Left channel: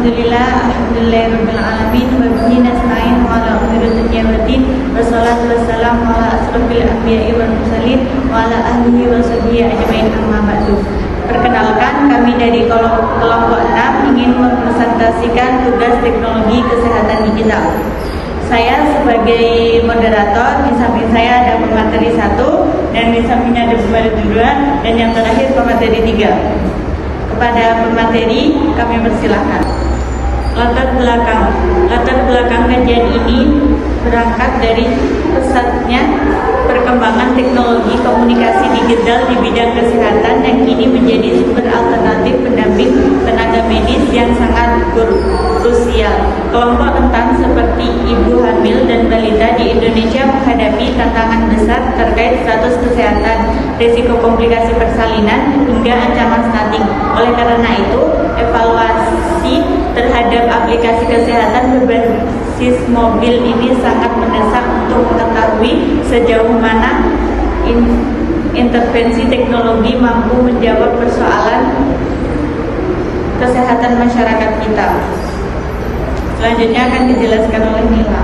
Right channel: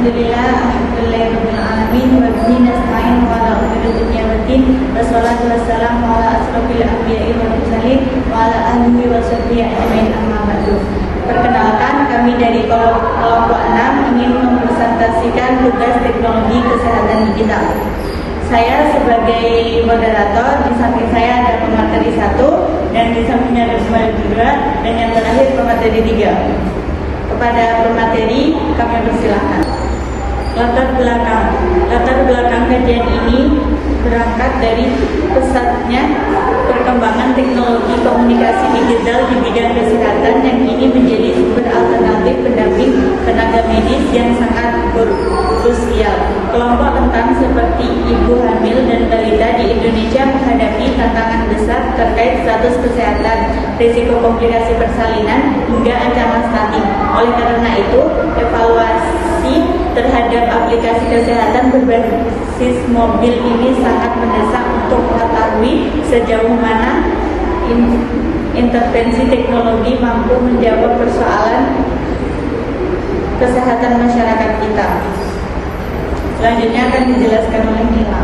Alhamdulillahirabbil alamin wa bihi nasta'in wa ala umuri dunya waddin wassalatu wassalamu ala asrofil anbiya'i wal mursalin wa ala alihi wa sahbihi ajmain amma ba'du. Perkenalkan, kami dari kelompok 6 ingin mempresentasikan tugas teknologi kesehatan digital. Saya sebagai moderator, di samping saya ada pemateri 1 dan di sampingnya ada pemateri 2 dan yang terakhir pemateri 3. Kepada pemateri kami persilahkan. Latar belakang kajian ini berangkat dari pesatnya perkembangan teknologi komunikasi digital di bidang kesehatan yang kini menjadi sumber alternatif pendamping tenaga medis yang sangat krusial. Kelompok rentan seperti ibu hamil dan balita di Indonesia menghadapi tantangan besar terkait status kesehatan, risiko komplikasi persalinan, hingga ancaman stunting. Oleh karena itu, evaluasi terhadap aplikasi kesehatan berbasis mobil ini sangat mendesak untuk mengetahui sejauh mana intervensi teknologi mampu menjawab persoalan kesehatan masyarakat kita. Selanjutnya akan dijelaskan oleh Mila.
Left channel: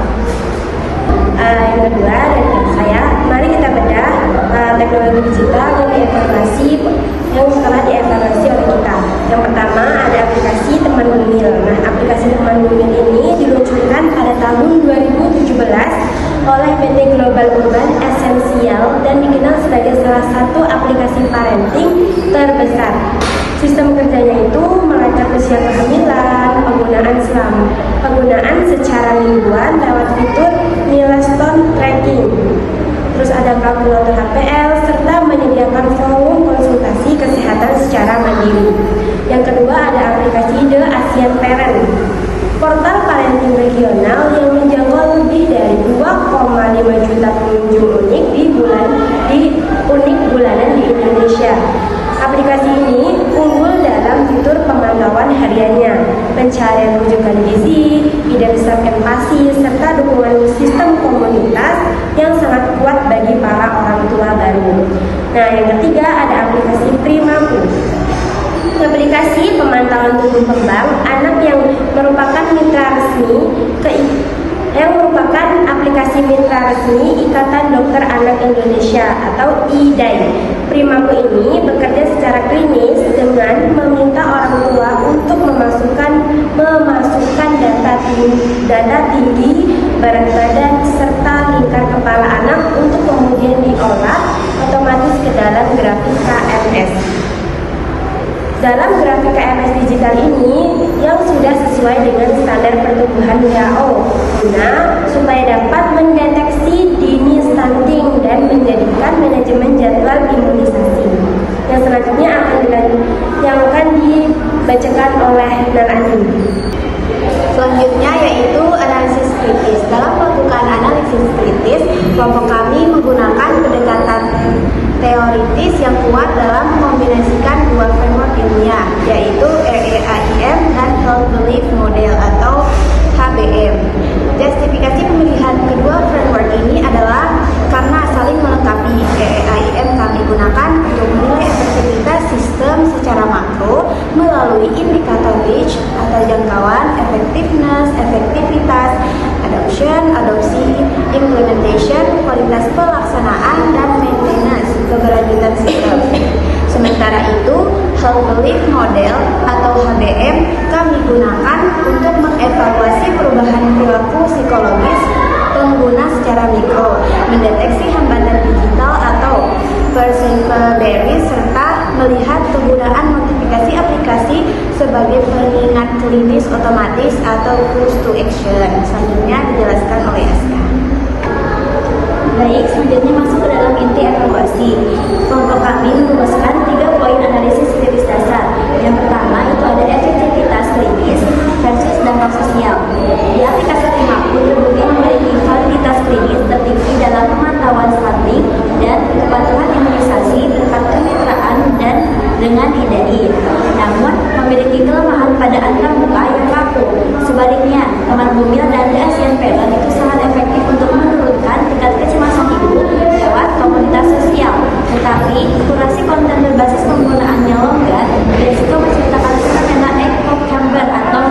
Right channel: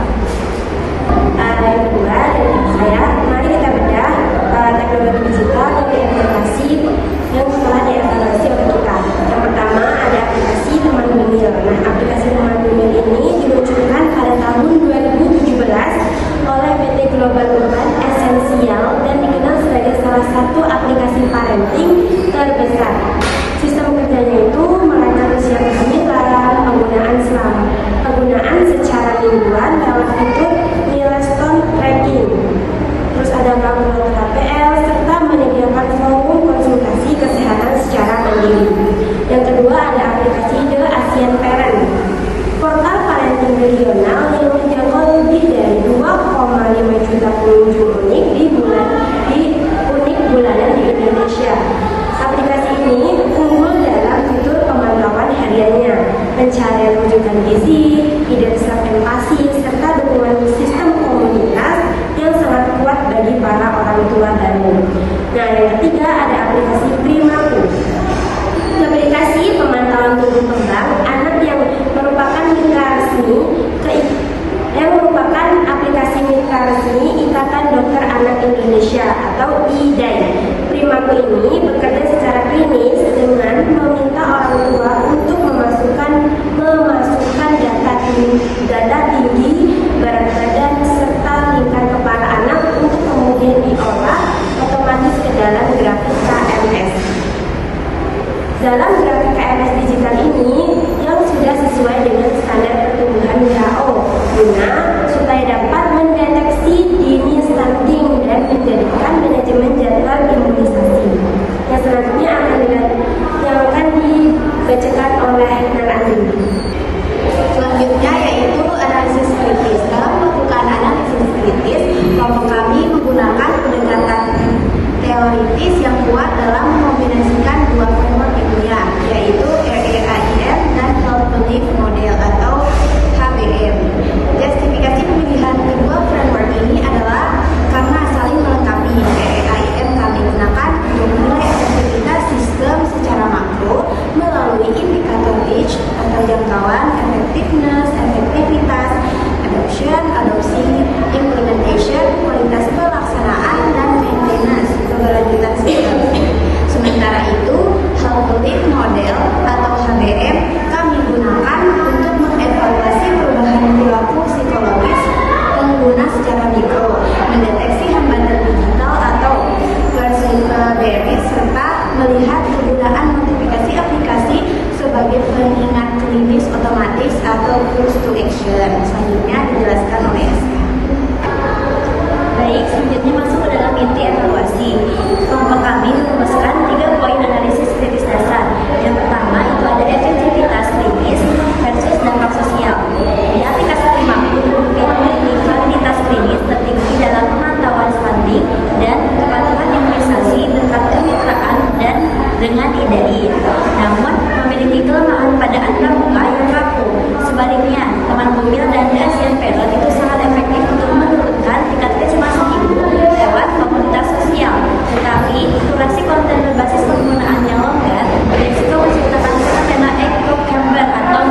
Yang kedua dari saya, mari kita bedah teknologi digital yang telah dievaluasi oleh kita. Yang pertama ada aplikasi Teman Bumil. Nah, aplikasi Teman Bumil ini diluncurkan pada tahun 2017 oleh PT Global Urban Essential dan dikenal sebagai salah satu aplikasi parenting terbesar. Sistem kerjanya itu melacak usia kehamilan, penggunaan secara mingguan lewat fitur milestone tracking. Terus ada kalkulator HPL serta menyediakan forum konsultasi kesehatan secara mandiri. Yang kedua ada aplikasi The Asian Parent, portal parenting regional yang menjangkau lebih dari 2,5 juta pengunjung unik bulanan di Indonesia. Aplikasi ini unggul dalam fitur pemantauan hariannya, pencarian rujukan gizi, ide besar empati, serta dukungan sistem komunitas yang sangat kuat bagi para orang tua baru. Nah, yang ketiga ada aplikasi Primaku. Aplikasi pemantauan tumbuh kembang anak yang merupakan aplikasi mitra resmi Ikatan Dokter Anak Indonesia atau IDAI. Primaku ini bekerja secara klinis dengan meminta orang tua untuk memasukkan data tinggi, berat badan, serta lingkar kepala anak untuk kemudian diolah otomatis ke dalam grafik KMS. Dalam grafik KMS digital ini yang sudah sesuai dengan standar pertumbuhan WHO supaya dapat mendeteksi dini stunting dan menjadikan manajemen jadwal imunisasi. Yang selanjutnya akan dibacakan oleh Narandi. Selanjutnya yaitu analisis kritis. Dalam melakukan analisis kritis, kelompok kami menggunakan pendekatan teoritis yang kuat dalam mengombinasikan dua framework ilmiah, yaitu RAIM dan Health Belief Model atau HBM. Justifikasi pemilihan kedua framework ini adalah karena saling melengkapi. RAIM kami gunakan untuk menilai efektivitas sistem secara makro melalui indikator reach atau jangkauan, efektivitas, adopsi, implementation, kualitas pelaksanaan, dan maintenance, keberlanjutan sistem. Sementara itu, Health Belief Model atau HBM kami gunakan untuk mengevaluasi perubahan perilaku psikologis pengguna secara mikro, mendeteksi hambatan digital atau perceivable barriers, serta melihat kegunaan notifikasi aplikasi sebagai pengingat klinis otomatis atau call to action. Selanjutnya dijelaskan oleh Aska. Baik, selanjutnya masuk ke dalam inti evaluasi. Kelompok kami merumuskan 3 poin analisis kritis dasar. Yang pertama itu ada efektivitas klinis versus dampak sosial. Di aplikasi Primaku kemudian memiliki validitas klinis tertinggi dalam pemantauan stunting dan kepatuhan imunisasi dekat kemitraan dan dengan IDAI. Namun memiliki kelemahan pada angka muka yang kaku. Sebaliknya, Teman Bumil dan SMP itu sangat efektif untuk menurunkan tingkat kecemasan ibu lewat komunitas sosial. Tetapi kurasi konten berbasis penggunaan yang longgar dan juga menceritakan sesuatu dengan info gambar atau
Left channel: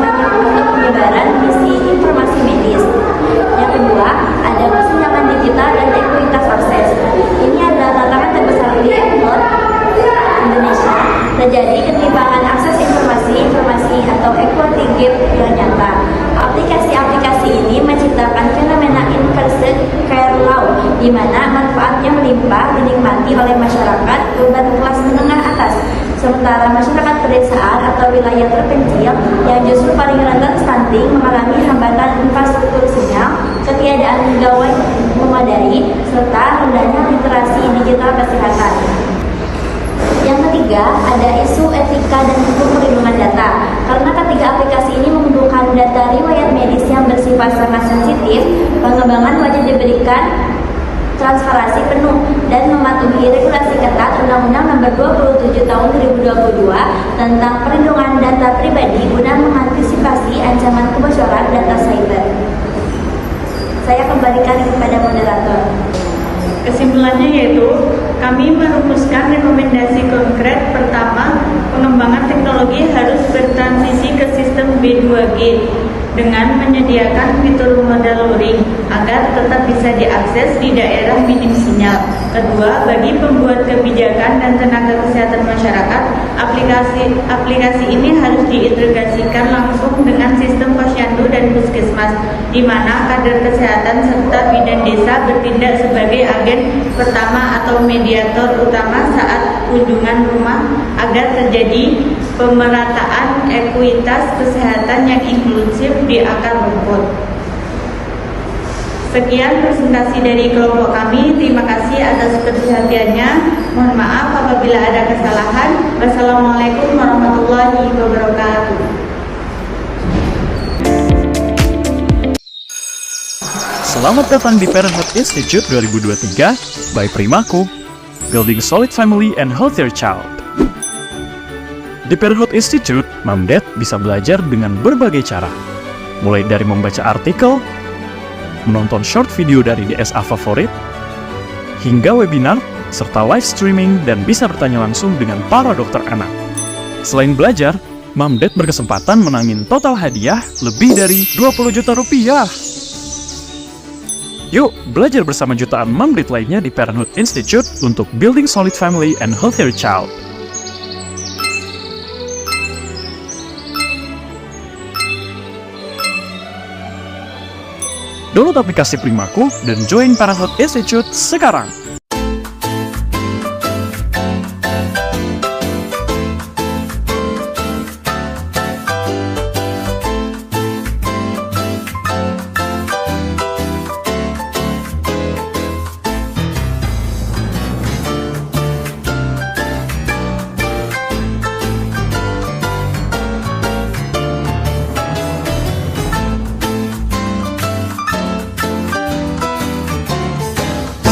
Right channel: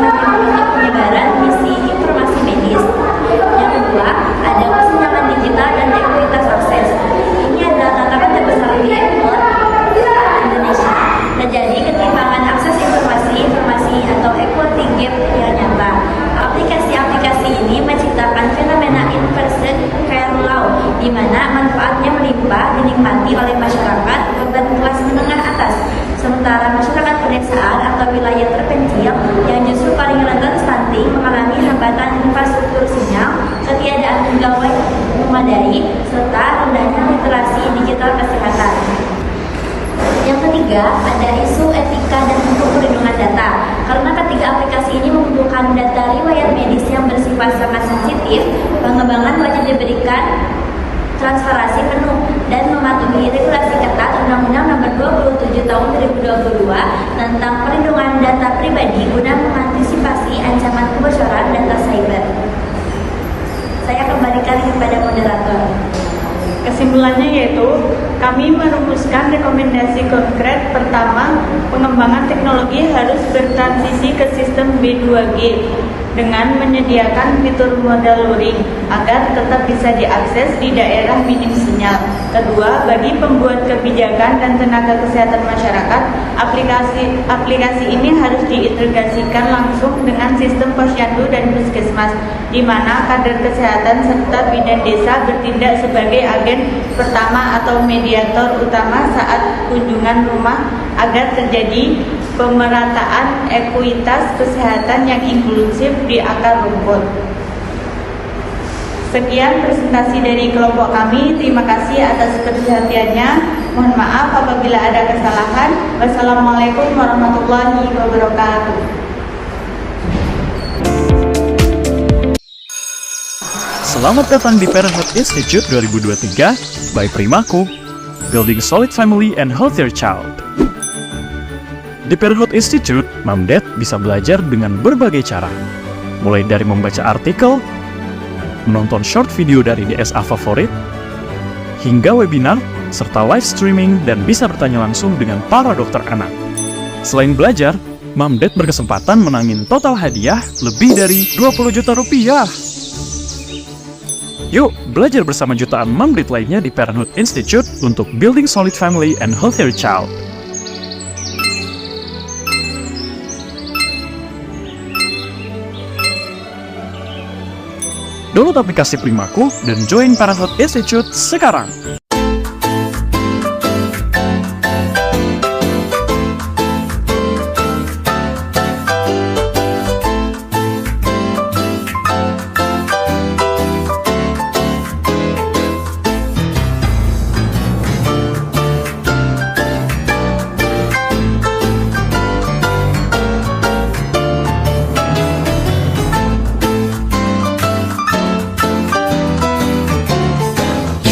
pengetahuan memadai, serta rendahnya literasi digital kesehatan. Yang ketiga, ada isu etika dan hukum perlindungan data. Karena ketiga aplikasi ini membutuhkan data riwayat medis yang bersifat sangat sensitif, pengembangan wajib diberikan transparansi penuh dan mematuhi regulasi ketat Undang-Undang Nomor 27 Tahun 2022 tentang perlindungan data pribadi guna mengantisipasi ancaman kebocoran data cyber. Saya kembalikan kepada moderator. Kesimpulannya yaitu, kami merumuskan rekomendasi konkret. Pertama, pengembangan teknologi harus bertransisi ke sistem B2G dengan menyediakan fitur modal luring agar tetap bisa diakses di daerah minim sinyal. Kedua, bagi pembuat kebijakan dan tenaga kesehatan masyarakat, aplikasi ini harus diintegrasikan langsung dengan sistem posyandu dan puskesmas, di mana kader kesehatan serta bidan desa bertindak sebagai agen pertama atau mediator utama saat kunjungan rumah agar terjadi pemerataan ekuitas kesehatan yang inklusif di akar rumput. Sekian presentasi dari kelompok kami. Terima kasih atas perhatiannya. Mohon maaf apabila ada kesalahan. Wassalamualaikum warahmatullahi wabarakatuh. Selamat datang di Parenthood Institute 2023 by Primaku, Building Solid Family and Healthier Child. Di Parenthood Institute, Mamdet bisa belajar dengan berbagai cara, mulai dari membaca artikel, menonton short video dari DSA favorit, hingga webinar, serta live streaming dan bisa bertanya langsung dengan para dokter anak. Selain belajar, Mamdet berkesempatan menangin total hadiah lebih dari 20 juta rupiah. Yuk, belajar bersama jutaan Mamdet lainnya di Parenthood Institute untuk Building Solid Family and Healthier Child. Download aplikasi Primaku dan join Parenthood Institute sekarang.